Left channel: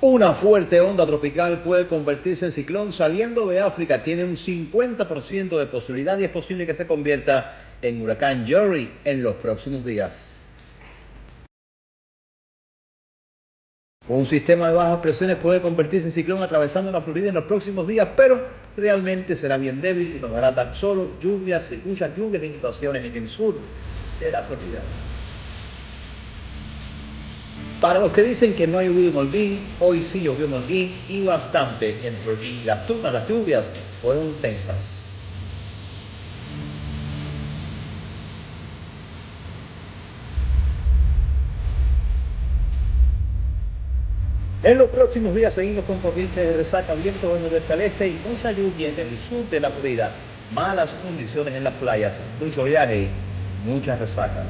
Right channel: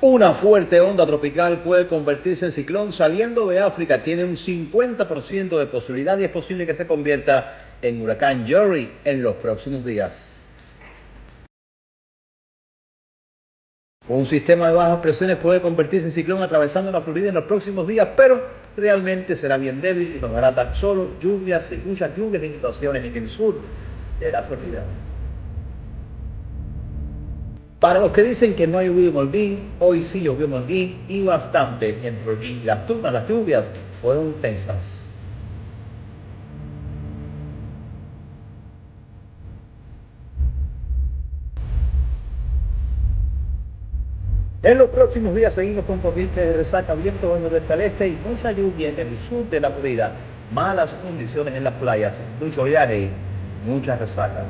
Una fuerte onda tropical puede convertirse en ciclón saliendo de África. Tiene un 50% de posibilidad y es posible que se convierta en huracán Jerry en los próximos días. Un sistema de bajas presiones puede convertirse en ciclón atravesando la Florida en los próximos días, pero realmente será bien débil y tomará tan solo lluvias y muchas lluvias en situaciones en el sur de la Florida. Para los que dicen que no ha llovido en Holguín, hoy sí llovió en Holguín y bastante en Holguín. Las lluvias fueron intensas. En los próximos días seguimos con corrientes de resaca, viento bueno del este y mucha lluvia en el sur de la Florida. Malas condiciones en las playas, mucho viaje, mucha resaca.